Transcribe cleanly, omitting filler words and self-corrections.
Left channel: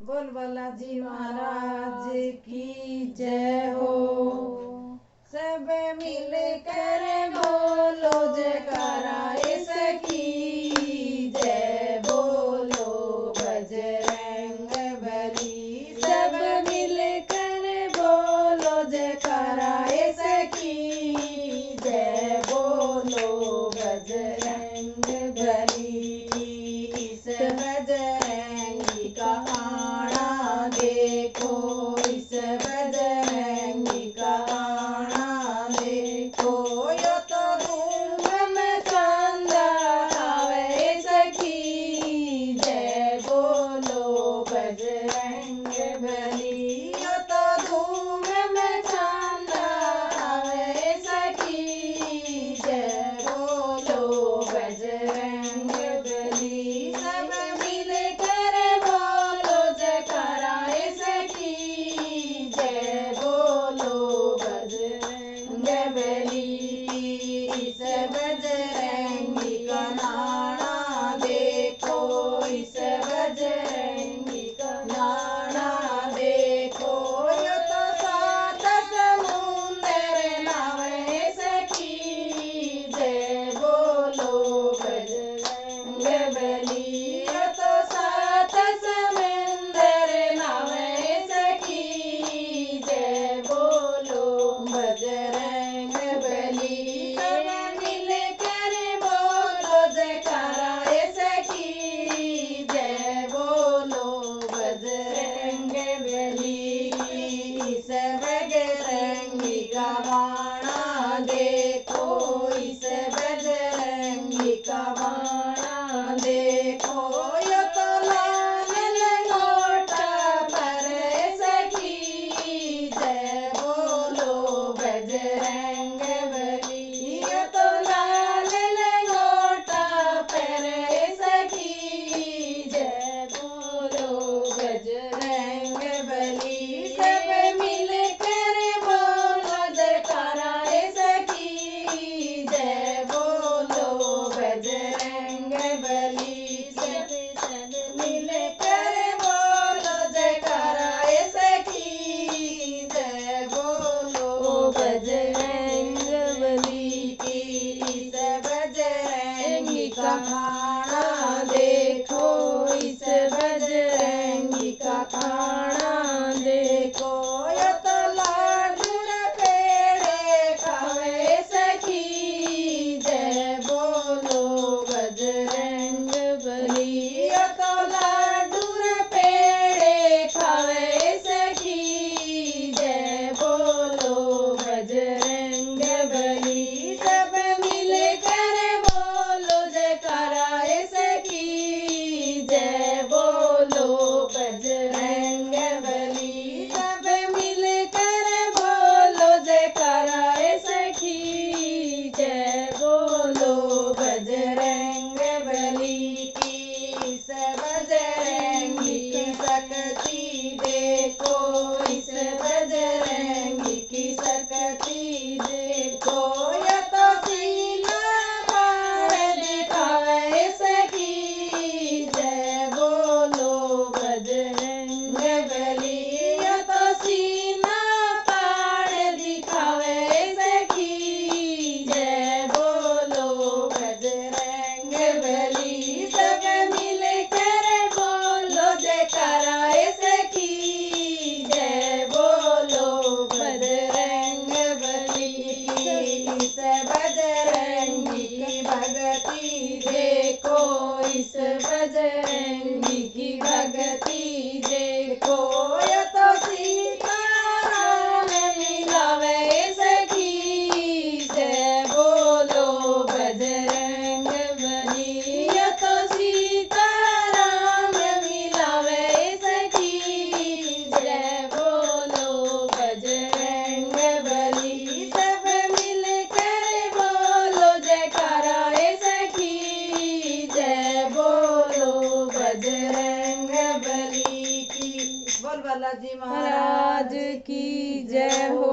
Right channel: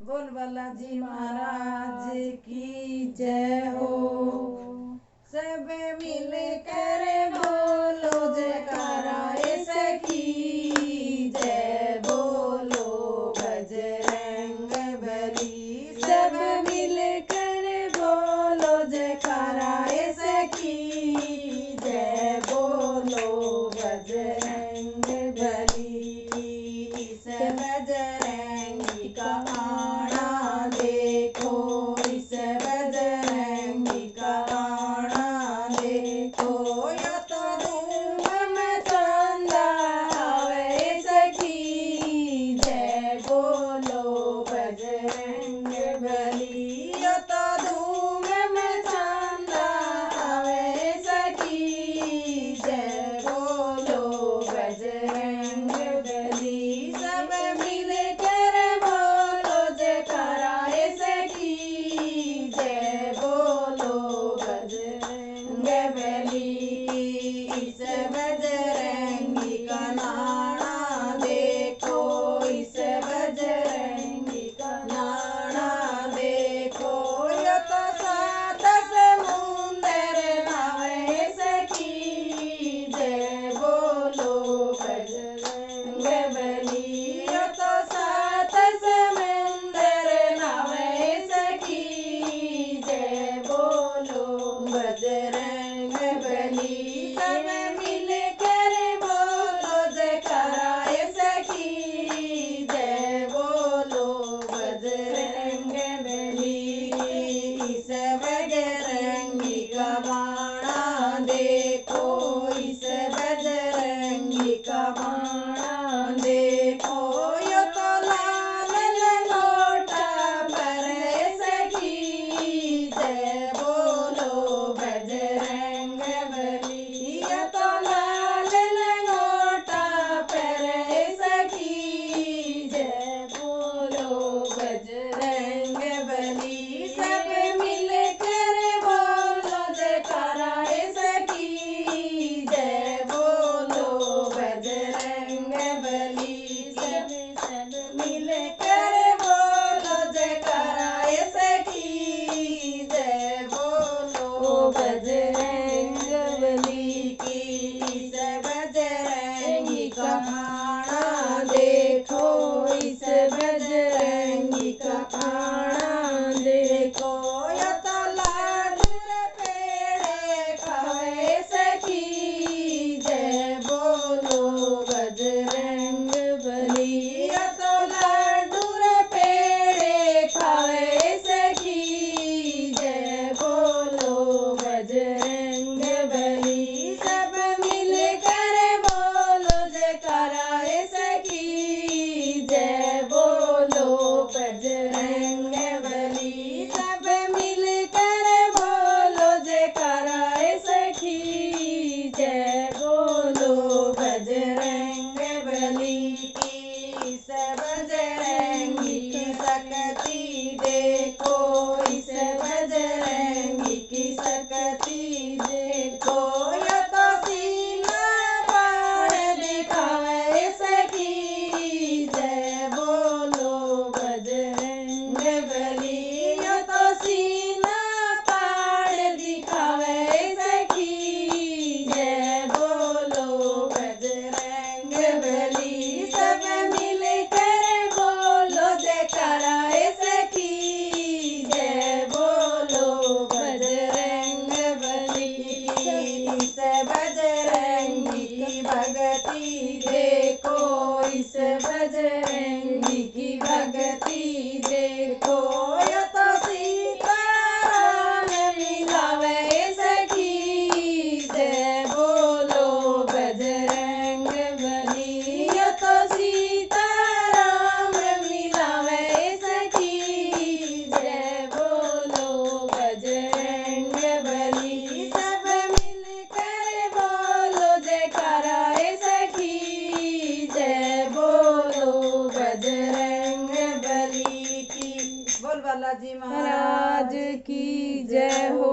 बोल बालाजी महाराज की जय हो। सब मिल कर बोलो जयकारा इसकी जय, बोलो बजरंग बली। सब मिल कर बोलो जयकारा इसकी जय, बोलो बजरंग बली। इस बजरंगी का आना देखो, इस बजरंगी का आना देखो। यो तो धूम मचांदा आवे सखी जय, बोलो बजरंग बली। यो तो धूम मचांदा आवे सखी जय, बोलो बजरंग बली। सब मिल कर बोलो जयकारा इसकी जय, बोलो बजरंग बली। इस बजरंगी का नाना देखो, इस बजरंगी का नाना देखो। यो तो सात समुंदर नावे सखी जय, बोलो बजरंग बली। यो तो सात समुंदर नावे सखी जय, बोलो बजरंग बली। सब मिल कर बोलो जयकारा सखी जय, बोलो बजरंग बली। इस बजरंगी का बाणा देखो, इस बजरंगी का बाणा देखो। यो तो लाल लंगोटा पर सखी जय, बोलो बजरंग बली। यो तो लाल लंगोटा पर सखी जय, बोलो बजरंग बली। सब मिल कर बोलो जयकारा सखी जय, बोलो बजरंग बली। सब मिल कर बोलो जयकारा सखी जय, बोलो बजरंग बली। की इस बजरंगी का खाना देखो, इस बजरंगी का खाना देखो। यो तो लाडू पेड़े खावे सखी जय, बोलो बजरंग बली। यो तो लाडू पेड़े खावे सखी जय, बोलो बजरंग बली। सब मिल कर बोलो जयकारा सखी जय, बोलो बजरंग बली। सब मिल कर बोलो जयकारा सखी जय, बोलो बजरंग बली। की इस बजरंगी की शक्ति देखो, इस बजरंगी की शक्ति देखो। यो तो सीना फाड़ दिखावे सखी जय, बोलो बजरंग बली। यो तो सीना फाड़ दिखावे सखी जय, बोलो बजरंग बली। सब मिल कर बोलो जयकारा सखी जय, बोलो बजरंग बली। इस बजरंगी की भक्ति देखो, इस बजरंगी की भक्ति देखो। यो तो सीताराम मिलावे सखी जय, बोलो बजरंग बली। यो तो सीताराम मिलावे सखी जय, बोलो बजरंग बली। सब मिल कर बोलो जयकारा सखी जय, बोलो बजरंग बली। की बोल बालाजी महाराज की जय हो।